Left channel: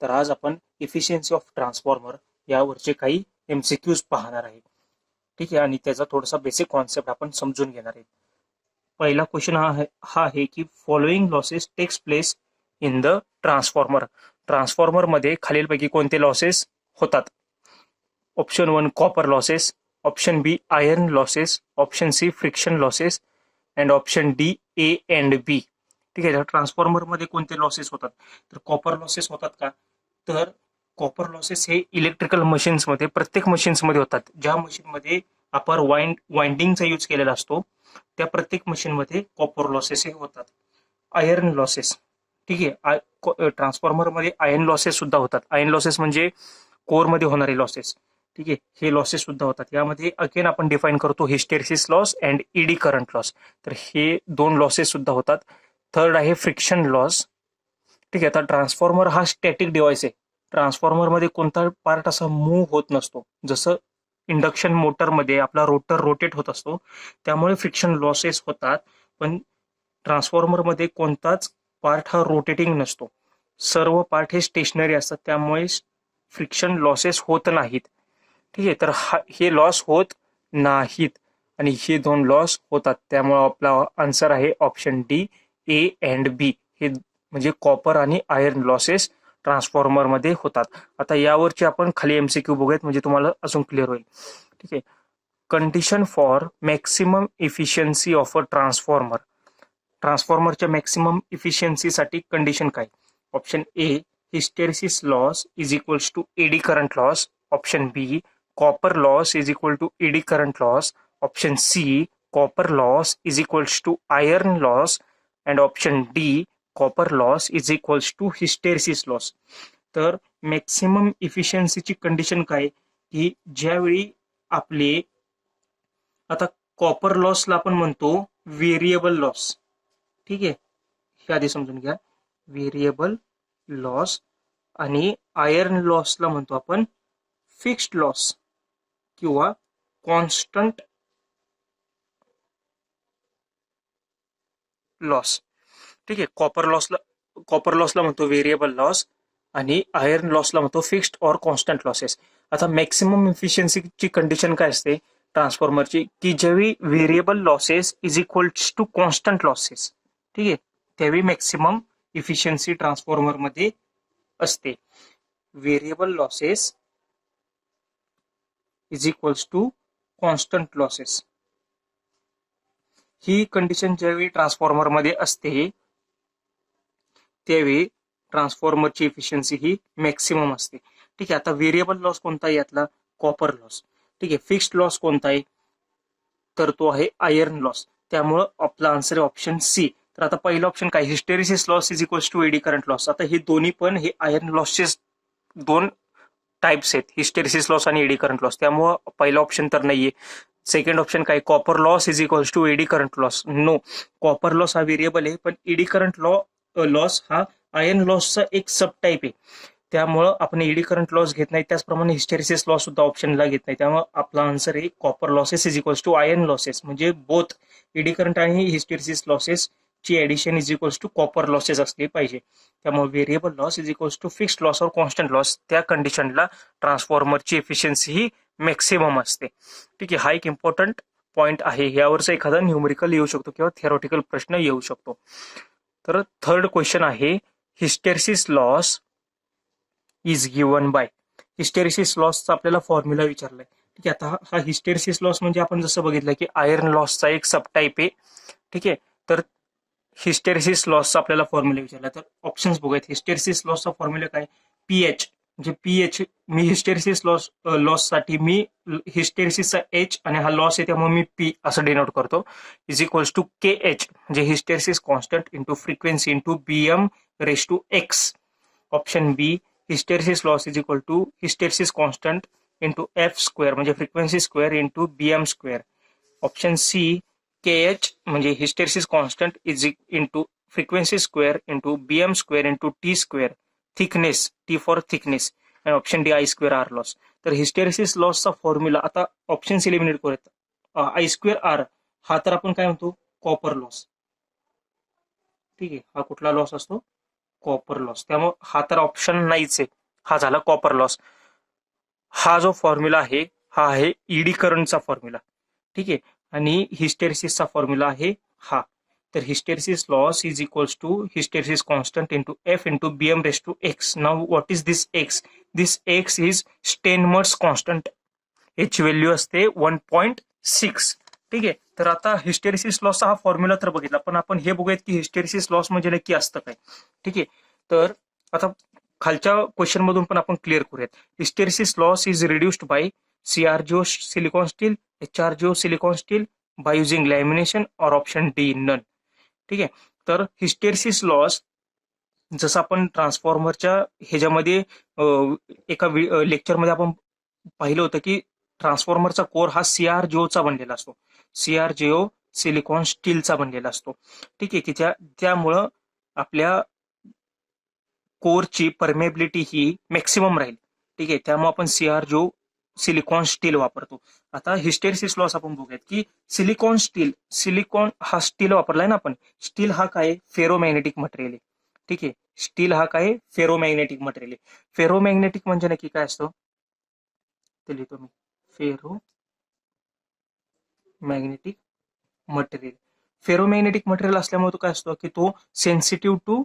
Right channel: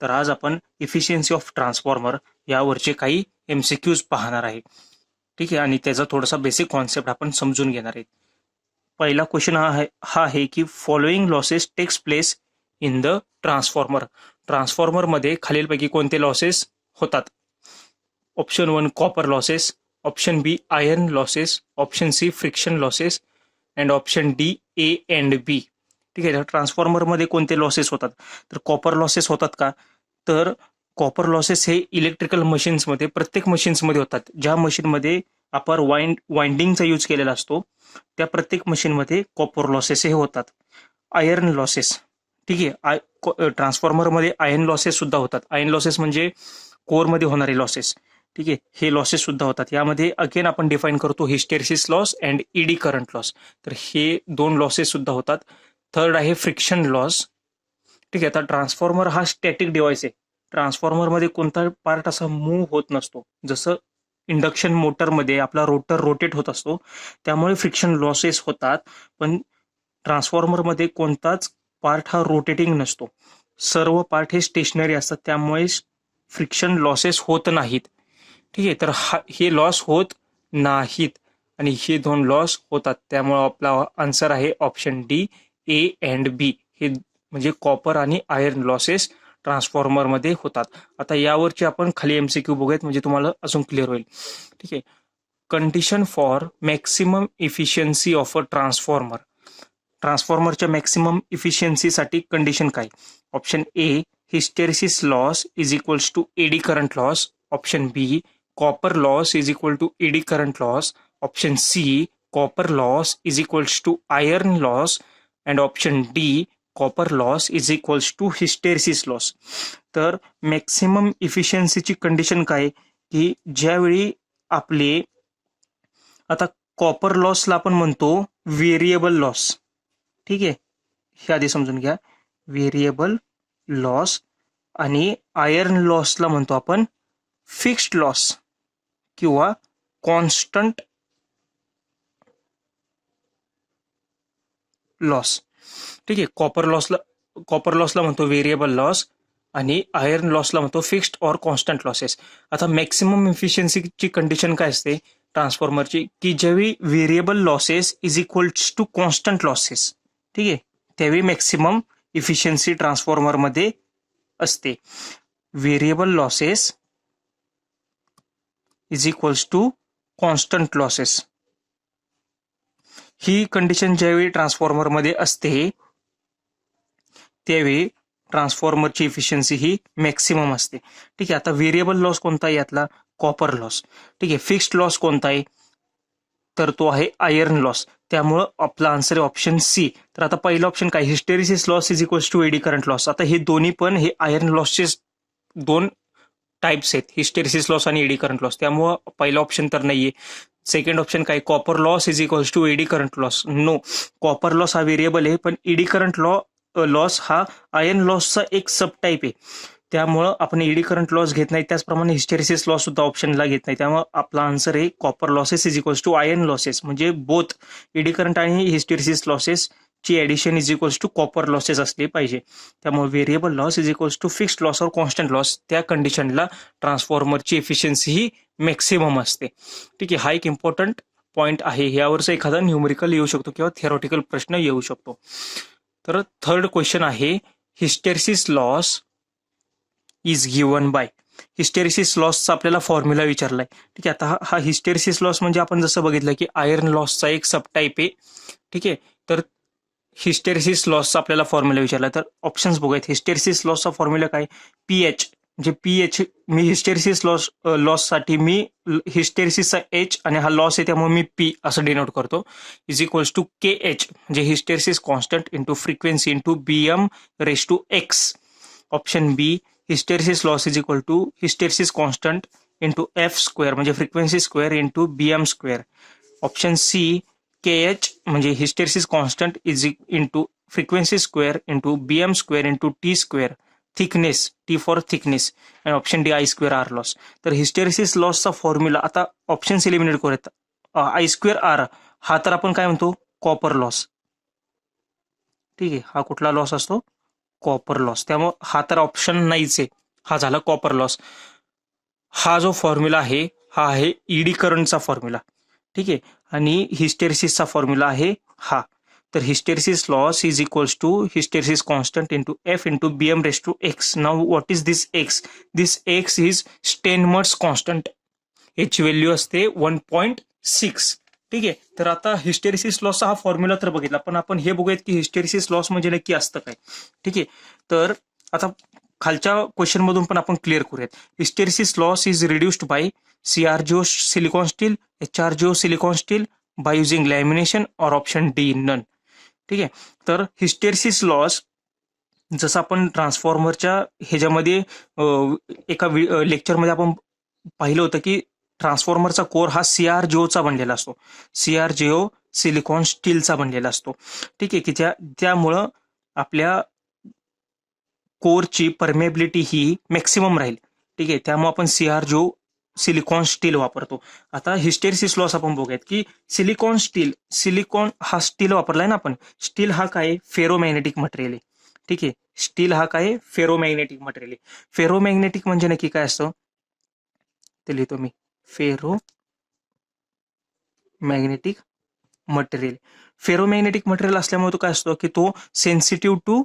तर आज आपण इफिशियन्सी ऑफ ट्रान्सफॉर्मर यावरचे काही MCQs पाहणार आहे. ठीक आहे, आणि त्याचा थोडासा बेसिक कॉन्सेप्ट आपण समजून घेणार आहे. पहिला क्वेश्चन हा आहे की following losses takes place in the transformer. ट्रान्सफॉर्मरमध्ये खालीलपैकी कोणते लॉसेस होतात? Option 1 copper losses, option B iron losses, option C friction losses and option D A and B. ठीक आहे, ट्रान्सफॉर्मरमध्ये कोणते लॉसेस होतात? तर कॉपर लॉसेस होतात का? तर कॉपर लॉसेस हे इलेक्ट्रिकल मशीन्समध्ये, प्रत्येक मशीन्समध्ये होतात. ज्या मशीनमध्ये आपण वाइंडिंगचा यूज केलेला असतो त्या प्रत्येक मशीनमध्ये कॉपर लॉसेस हे होतात. आयर्न लॉसेस, ठीक आहे, ट्रान्सफॉर्मरमध्ये आयर्न लॉसेस सुद्धा होतात. आयर्न लॉसेस म्हणजे कोरमध्ये होणारे लॉसेस. ठीक आहे, हे लॉसेस सुद्धा होतात. यामध्ये अगेन आपण डिफाईन करतो hysteresis loss and eddy current loss. तर हे दोन लॉसेस सुद्धा होतात. थर्ड आहे फ्रिक्शन लॉस. ठीक आहे, आता ट्रान्सफॉर्मर हा स्टॅटिक डिव्हाइस आहे. ट्रान्सफॉर्मरमध्ये कोणता पार्ट असा मूव्ह होत नसतो. जसं इंडक्शन मोटरमध्ये आपला रोटर रोटेट होत असतो, त्यामुळे फ्रिक्शन लॉसेस होतात. पण ट्रान्सफॉर्मरमध्ये कोणताच पार्ट हा रोटेटिंग नसतो. सर्व पार्ट हे स्टेशनरी असतात, त्यामुळे फ्रिक्शन लॉसेस होत नाहीत. ठीक आहे, तर हे लॉस होत नाहीत आणि हे दोन लॉस होतात. त्यामुळे आपला आन्सर आहे ऑप्शन डी, ए अँड बी. हे म्हणजे कॉपर आणि आयर्न लॉसेस ट्रान्सफॉर्मरमध्ये होतात. आता यावरची आपण खाली MCQ बघूयात, म्हणजे तुम्हाला अजून क्लिअर होईल. ठीक आहे, condition for maximum efficiency of a transformer. ट्रान्सफॉर्मरच्या मॅक्सिमम इफिशियन्सीसाठी कंडिशन काय? Option A hysteresis loss is equals to eddy current loss, option B copper loss is equal to eddy current loss, option C copper loss is equals to iron loss and option D copper loss is equals to hysteresis loss. तर maximum इफिशियन्सीची condition काय की ज्यावेळी आपले, आता copper लॉसला आपण म्हणतो variable loss. ठीक आहे, हे आधी समजून घ्या. व्हेरिएबल लॉस आणि आयर्न लॉसला म्हणतो आपण फिक्स्ड लॉस किंवा कॉन्स्टंट लॉस. ठीक आहे, कॉपर लॉसला म्हणतो व्हेरिएबल लॉस आणि आयर्न लॉसला म्हणतो फिक्स्ड ऑर कॉन्स्टंट लॉसेस. आता मॅक्सिमम इफिशियन्सीची कंडिशन काय असते ट्रान्सफॉर्मरची, की ज्यावेळी variable losses is equals to constant losses. ठीक आहे, त्यावेळी मॅक्सिमम इफिशियन्सी ट्रान्सफॉर्मरमध्ये असते. Variable losses is equals to constant losses, ही कंडिशन ज्यावेळी ट्रान्सफॉर्मरमध्ये असते त्यावेळी ट्रान्सफॉर्मरची इफिशियन्सी ही मॅक्सिमम असते. ठीक आहे, आता व्हेरिएबल लॉस कोणता आहे यातला? Copper loss. ठीक आहे, फिक्स्ड लॉस कोणता आहे? तर तो आहे आयर्न लॉस. त्यामुळं आपला आन्सर आहे ऑप्शन सी. तर आता पहिलं ऑप्शन काय? Hysteresis loss is equals to eddy current loss. आता हे दोन्ही पण हे आयर्न लॉसचे दोन टाइप्स आहेत, हिस्टेरिसिस लॉस आणि एडी करंट लॉस. त्यामुळं पहिला ऑप्शन तर नाहीये. सेकंड ऑप्शन काय? Copper loss is equals to eddy current loss. No, copper loss हा व्हेरिएबल आहे, पण एडी करंट लॉस हा आयर्न लॉसचा एक सब टाईप आहे. त्यामुळं आपण एडी करंट लॉस घेत नाही, त्याचप्रमाणे हिस्टेरिसिस लॉस सुद्धा ऑप्शनला घेत नाही. त्यामुळे आपला आन्सर आहे copper losses is equals to iron losses. म्हणजे बोथ एडी करंट आणि हिस्टेरिसिस लॉसेस ची addition is equals to copper losses असले पाहिजे. त्यामुळे variable loss is equals to fixed loss और कॉन्स्टंट लॉस, त्या कंडिशनला ट्रान्सफॉर्मरची एफिशियन्सी ही मॅक्सिमम असते. ठीक आहे, हा एक इम्पॉर्टंट पॉईंट आहे. यावरचा एखादा न्यूमेरिकल येऊ शकतो किंवा थेरॉटिकल प्रश्न येऊ शकतो. तर थर्ड क्वेश्चन आहे hysteresis loss is given by. Hysteresis लॉसचा आपल्याला फॉर्म्युला विचारलाय. ठीक आहे, आता हा हिस्टेरिसिस लॉस म्हणजे आपण जसं बघितलं की आयर्न लॉसचा एक सब टाईप आहे. ठीक आहे, तर हिस्टेरिसिस लॉसचा आपल्याला फॉर्म्युला विचारला, तर ऑप्शन्स बघूयात. हिस्टेरिसिस लॉसचा फॉर्म्युला काय? पीएच. म्हणजे पीएच मी हिस्टेरिसिस लॉससाठी मी हिस्टेरिसिसचा एच आणि हा लॉस आहे त्यामुळे मी पी असं डिनोट करतो, is equals to K H म्हणजे hysteresis constant into frequency into BM raise to X. Option B hysteresis loss is equal to hysteresis constant into F square म्हणजे frequency square into BM square. Option C K H म्हणजे hysteresis constant is into frequency square into BM square into T square, thickness, T for thickness. आणि option D I square R loss. तर hysteresis लॉसचा formula आता options eliminate करूयात. I square R हा तर आपण काय म्हणतो? Copper loss. ठीक आहे, हा कुठला लॉस असतो? Copper loss. त्यामुळे हा तर ऑप्शन नाहीच आहे. हा झाला कॉपर लॉस. हा जो फॉर्म्युला आहे हा आहे ईडी करंटचा फॉर्म्युला. ठीक आहे. आणि हिस्टेरिसिसचा फॉर्म्युला आहे हा. तर hysteresis loss is equals to hysteresis constant into F into BM raise to X. Now what is this X? This X is Steinmetz constant. याची व्हॅल्यू असते 1.6. ठीक आहे. तर आता हिस्टेरिसिस लॉसचा हा फॉर्म्युला तर बघितला, पण आपण हे बघूयात की हिस्टेरिसिस लॉस म्हणजे नक्की असतं काय. ठीक आहे. तर आता खालच्या क्वेश्चन मधून पण आपण क्लिअर करूयात. Hysteresis loss is reduced by CrGO silicon steel, HRGO silicon steel, by using lamination और ऑप्शन डी नन. ठीक आहे. तर हिस्टेरिसिस लॉस जसं आपण ट्रान्सफॉर्मरच्या ह्याच्यामध्ये एका लेक्चरमध्ये आपण पाहिलं होतं की ट्रान्सफॉर्मरचा कोर हा CrGOचा बनलेला असतो. CrGO सिलिकॉन स्टीलचा बनलेला असतो. ठीक आहे. की त्यामुळं आपल्या कोरची परमेबिलिटी ही मॅक्सिमम राहील. ठीक आहे. त्यामुळे आपण CrGO सिलिकॉन स्टील वापरतो. आता हिस्टेरिसिस लॉस आपण बघूयात की सिलिकॉन हा स्टील वापरलाय ना आपण. स्टील हा काय फेरोमॅग्नेटिक मटेरियल आहे. ठीक आहे. स्टील हा काय फेरोमॅग्नेटिक मटेरियल आहे. फेरोमॅग्नेटिक म्हणजे नक्की काय असतं ते लिहितो मी. Ferro magnetic material. Ferromagnetic material असल्यामुळे तो काय असतो की तो सेन्सिटिव्ह टू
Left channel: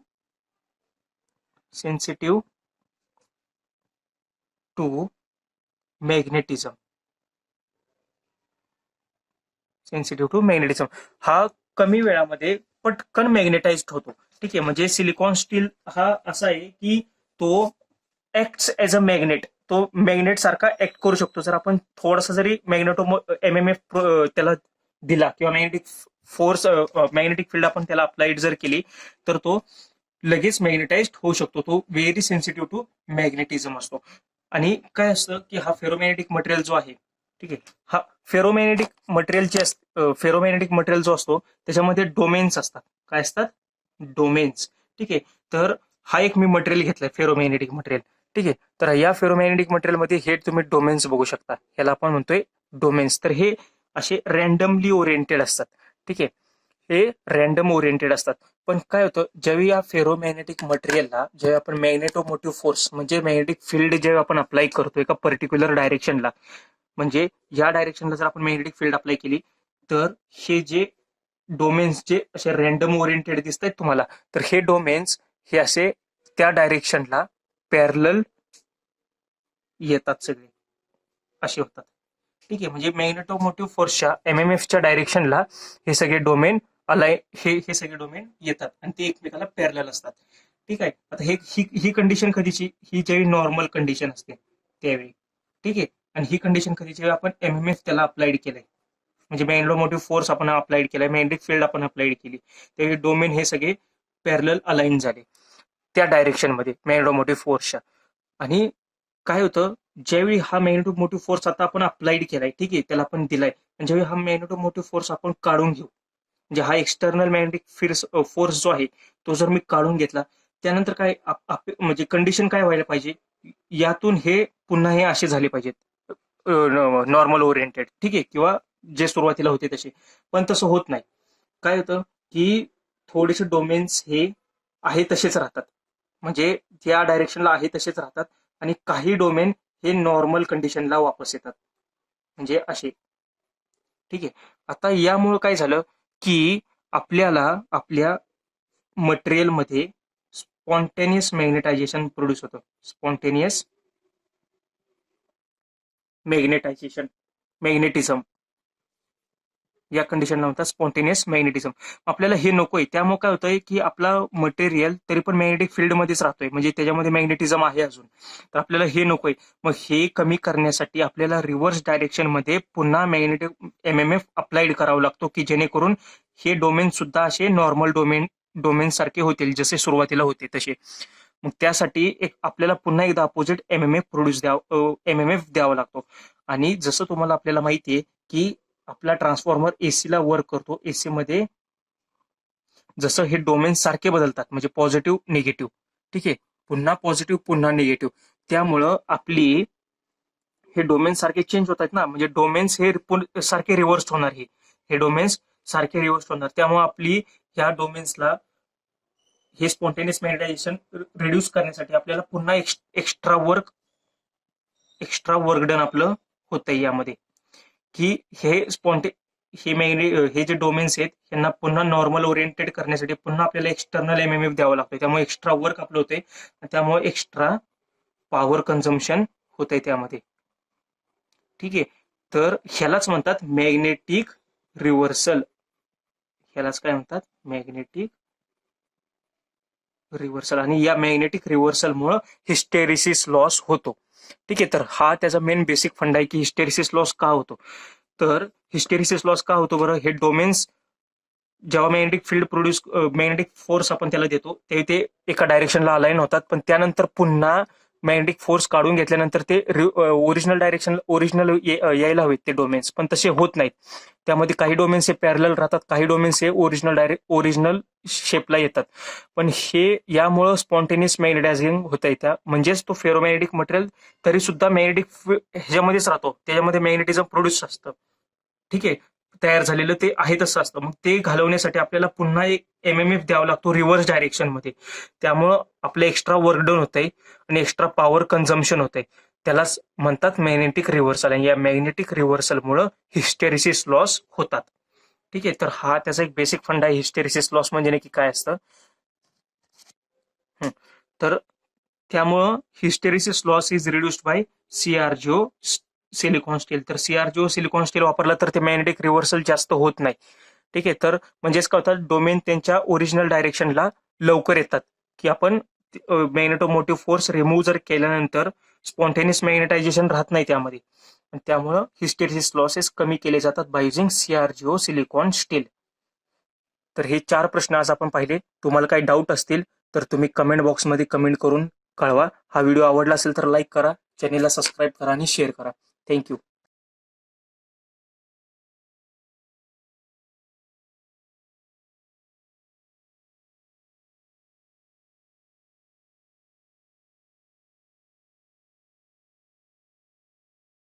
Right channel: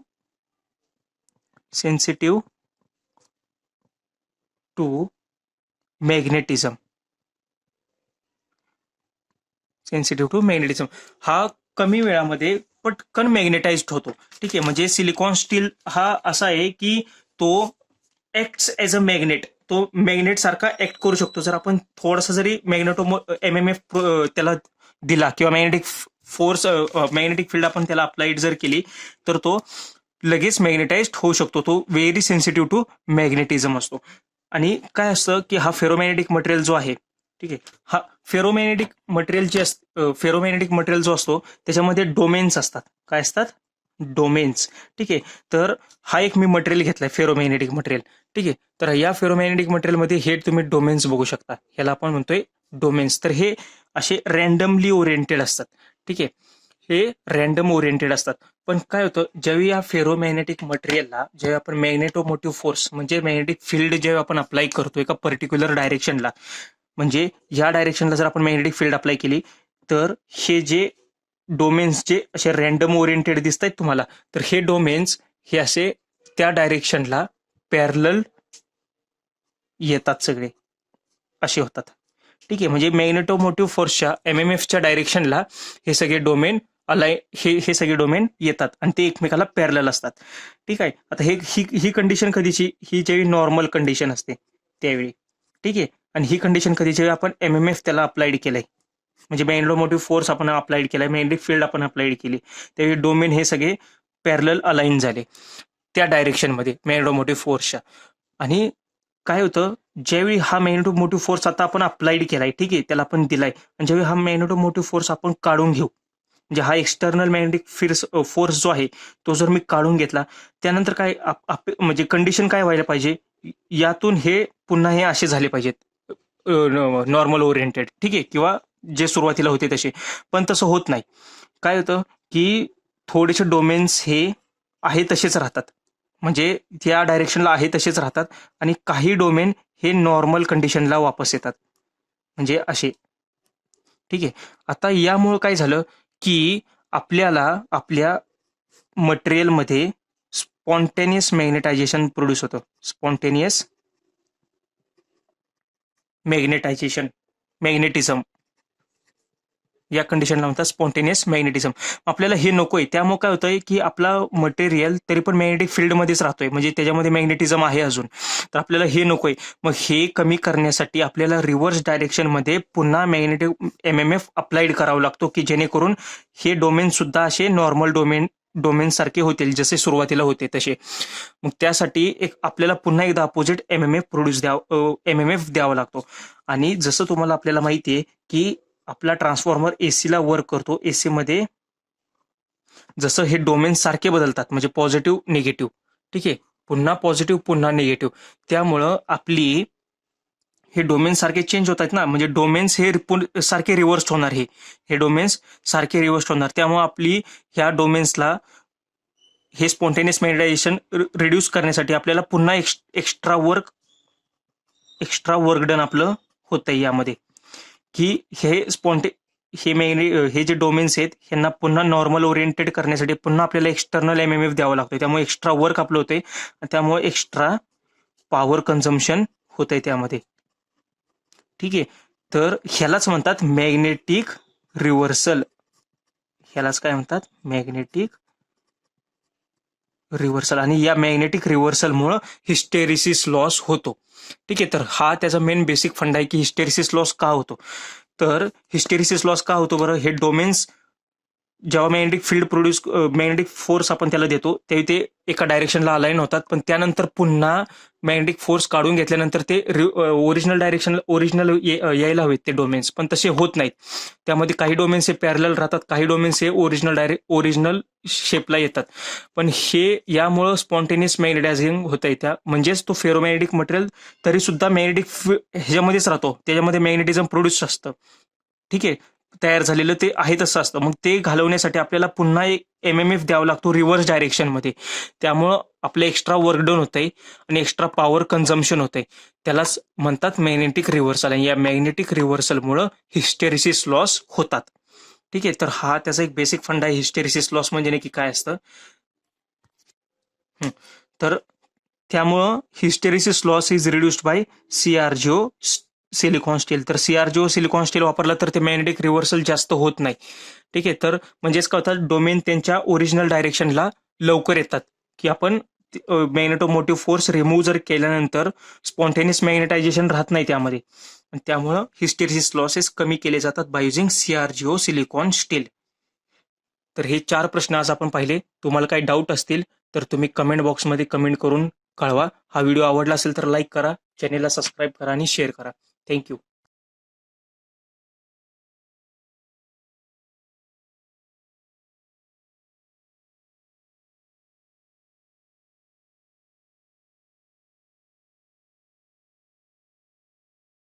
मॅग्नेटिझम. हा कमी वेळामध्ये पटकन मॅग्नेटाइज्ड होतो. ठीक आहे. म्हणजे सिलिकॉन स्टील हा असा आहे की तो ऍक्ट्स एज अ मॅग्नेट. तो मॅग्नेट सारखा ऍक्ट करू शकतो. जर आपण थोडासा जरी MMF त्याला दिला किंवा मॅग्नेटिक फील्ड आपण त्याला अप्लाइड जर केली तर तो लगेच मॅग्नेटाइज्ड होऊ शकतो. तो व्हेरी सेन्सिटिव्ह टू मॅग्नेटिझम असतो. आणि काय असतं की हा फेरोमॅग्नेटिक मटेरियल जो आहे, ठीक आहे, हा फेरोमॅग्नेटिक मटेरियल जो असतो त्याच्यामध्ये डोमेन्स असतात. काय असतात? डोमेन्स. ठीक आहे. तर हा एक मी मटेरियल घेतलाय फेरोमॅग्नेटिक मटेरियल. ठीक आहे. तर या फेरोमॅग्नेटिक मटेरियलमध्ये हे तुम्ही डोमेन्स बघू शकता. ह्याला आपण म्हणतोय डोमेन्स. तर हे असे रॅन्डमली ओरिएंटेड असतात. ठीक आहे. हे रॅन्डम ओरिएंटेड असतात. पण काय होतं ज्यावेळी या फेरोमॅग्नेटिक मटेरियलला जेव्हा आपण मॅग्नेटोमोटिव्ह फोर्स म्हणजे मॅग्नेटिक फील्ड जेव्हा आपण अप्लाय करतो एका पर्टिक्युलर डायरेक्शनला, म्हणजे या डायरेक्शनला जर आपण मॅग्नेटिक फील्ड अप्लाय केली तर हे जे डोमेन्स जे असे रॅन्डम ओरिएंटेड दिसत आहेत तुम्हाला, तर हे डोमेन्स हे असे त्या डायरेक्शनला पॅरलल येतात, सगळे असे होतात. ठीक आहे. म्हणजे मॅग्नेटोमोटिव्ह फोर्सच्या MMFच्या डायरेक्शनला हे सगळे डोमेन हे सगळे डोमेन येतात आणि ते एकमेकाला पॅरलल असतात. ठीक आहे. आता ही कंडिशन कधीची? ही जेव्हा नॉर्मल कंडिशन असते त्यावेळी. ठीक आहे. आणि ही कंडिशन कधीची? आपण MMF त्याला अप्लाइड केलंय, म्हणजे मॅग्नेटोमोटिव्ह फोर्स आपण अप्लाइड केलाय, मॅग्नेटिक फील्ड आपण अप्लाइड केली, त्यावेळी डोमेन हे सगळे पॅरलल अलाइन झाले त्या डायरेक्शनमध्ये मॅग्नेटोमोटिव्ह फोर्सच्या. आणि काय होतं ज्यावेळी हा मॅग्नेटोमोटिव्ह फोर्स आता आपण अप्लाइड केलाय, ठीक आहे, त्याला आपण दिलाय, आणि ज्यावेळी हा मॅग्नेटोमोटिव्ह फोर्स आपण काढून घेऊ, म्हणजे हा एक्सटर्नल मॅग्नेटिक फोर्स जो आहे तो जर मी काढून घेतला, त्यानंतर काय म्हणजे कंडिशन काय व्हायला पाहिजे, यातून हे पुन्हा हे असे झाले पाहिजेत नॉर्मल ओरिएंटेड. ठीक आहे. किंवा जे सुरुवातीला होते तसे. पण तसं होत नाही. काय होतं की थोडेसे डोमेन्स हे आहे तसेच राहतात, म्हणजे त्या डायरेक्शनला आहे तसेच राहतात, आणि काही डोमेन हे नॉर्मल कंडिशनला वापस येतात, म्हणजे असे. ठीक आहे. आता यामुळे काय झालं की आपल्याला आपल्या मटेरियलमध्ये स्पॉन्टेनियस मॅग्नेटायझेशन प्रोड्यूस होतं. स्पॉन्टेनियस मॅग्नेटिझम या कंडिशनला म्हणतात स्पॉन्टेनियस मॅग्नेटिझम. आपल्याला हे नकोय. त्यामुळे काय होतंय की आपला मटेरियल तरी पण मॅग्नेटिक फील्डमध्येच राहतोय, म्हणजे त्याच्यामध्ये मॅग्नेटिझम आहे अजून. तर आपल्याला हे नकोय. मग हे कमी करण्यासाठी आपल्याला रिव्हर्स डायरेक्शनमध्ये पुन्हा मॅग्नेटिक MMF अप्लाइड करावं लागतो, की जेणेकरून हे डोमेन सुद्धा असे नॉर्मल डोमेन सारखे होतील, जसे सुरुवातीला होते तसे. मग त्यासाठी आपल्याला पुन्हा एकदा अपोजिट MMF द्यावा लागतो. आणि जसं तुम्हाला आपल्याला माहितीये की आपला ट्रान्सफॉर्मर एसीला वर्क करतो. एसी मध्ये जसं हे डोमेन सारखे बदलतात, म्हणजे पॉझिटिव्ह निगेटिव्ह. ठीक आहे. पुन्हा पॉझिटिव्ह पुन्हा निगेटिव्ह. त्यामुळं आपली हे डोमेन सारखे चेंज होत आहेत ना, म्हणजे डोमेन्स हे सारखे रिव्हर्स होणार. हे डोमेन्स सारखे रिव्हर्स होणार. त्यामुळे आपली ह्या डोमेन्सला हे स्पॉन्टेनियस मॅग्नेटायझेशन रिड्यूस करण्यासाठी आपल्याला पुन्हा एक्स्ट्रा वर्क डन आपलं होतंय यामध्ये, की हे जे डोमेन्स आहेत ह्यांना पुन्हा नॉर्मल ओरिएंटेड करण्यासाठी पुन्हा आपल्याला एक्सटर्नल एमएमएफ द्यावं लागतं. त्यामुळे एक्स्ट्रा वर्क आपलं होतंय, त्यामुळे एक्स्ट्रा पॉवर कन्झम्पशन होतंय त्यामध्ये. ठीक आहे, तर ह्यालाच म्हणतात मॅग्नेटिक रिव्हर्सल. ह्यालाच काय म्हणतात? Magnetic reversal. आणि या मॅग्नेटिक रिव्हर्सलमुळं हिस्टेरिसिस लॉस होतो. ठीक आहे, तर हा त्याचा मेन बेसिक फंडा आहे की हिस्टेरिसिस लॉस का होतो. तर हिस्टेरिसिस लॉस का होतो बरं? हे डोमेन्स जेव्हा मॅग्नेटिक फोर्स आपण त्याला देतो ते एका डायरेक्शनला अलाईन होतात, पण त्यानंतर पुन्हा मॅग्नेटिक फोर्स काढून घेतल्यानंतर ते ओरिजिनल यायला हवेत ते डोमेन्स, पण तसे होत नाहीत. त्यामध्ये काही डोमेन्स हे पॅरलल राहतात, काही डोमेन्स हे ओरिजिनल शेपला येतात. पण हे यामुळं स्पॉन्टेनियस मॅग्नेटायझिंग होत आहे, म्हणजेच तो फेरोमॅग्नेटिक मटेरियल तरी सुद्धा मॅग्नेटिक ह्याच्यामध्येच राहतो, त्याच्यामध्ये मॅग्नेटिझम प्रोड्यूस असतं. ठीक आहे, तयार झालेलं ते आहे तसं असतं. मग ते घालवण्यासाठी आपल्याला पुन्हा एक एमएमएफ द्यावा लागतो रिव्हर्स डायरेक्शनमध्ये. त्यामुळं आपलं एक्स्ट्रा वर्क डन होतंय आणि एक्स्ट्रा पॉवर कन्झम्पशन होतंय. त्यालाच म्हणतात मॅग्नेटिक रिव्हर्सल. आणि या मॅग्नेटिक रिव्हर्सलमुळं हिस्टेरिसिस लॉस होतात. ठीक आहे, तर हा त्याचा एक बेसिक फंडा आहे. हिस्टेरिसिस लॉस म्हणजे नक्की काय असतं. तर त्यामुळं hysteresis loss is reduced by CrGO silicon steel. तर CrGO सिलिकॉन स्टील वापरला तर ते मॅग्नेटिक रिव्हर्सल जास्त होत नाही. ठीक आहे, तर म्हणजेच काय होतात, डोमेन त्यांच्या ओरिजिनल डायरेक्शनला लवकर येतात, की आपण मॅग्नेटोमोटिव्ह फोर्स रिमूव्ह जर केल्यानंतर स्पॉन्टेनियस मॅग्नेटायझेशन राहत नाही त्यामध्ये. त्यामुळं हिस्टेरिसिस लॉसेस कमी केले जातात by using CrGO silicon steel. तर हे 4 प्रश्न आज आपण पाहिले. तुम्हाला काही डाऊट असतील तर तुम्ही कमेंट बॉक्समध्ये कमेंट करून कळवा. हा व्हिडिओ आवडला असेल तर लाईक करा, चॅनेलला सबस्क्राईब करा आणि शेअर करा. थँक्यू.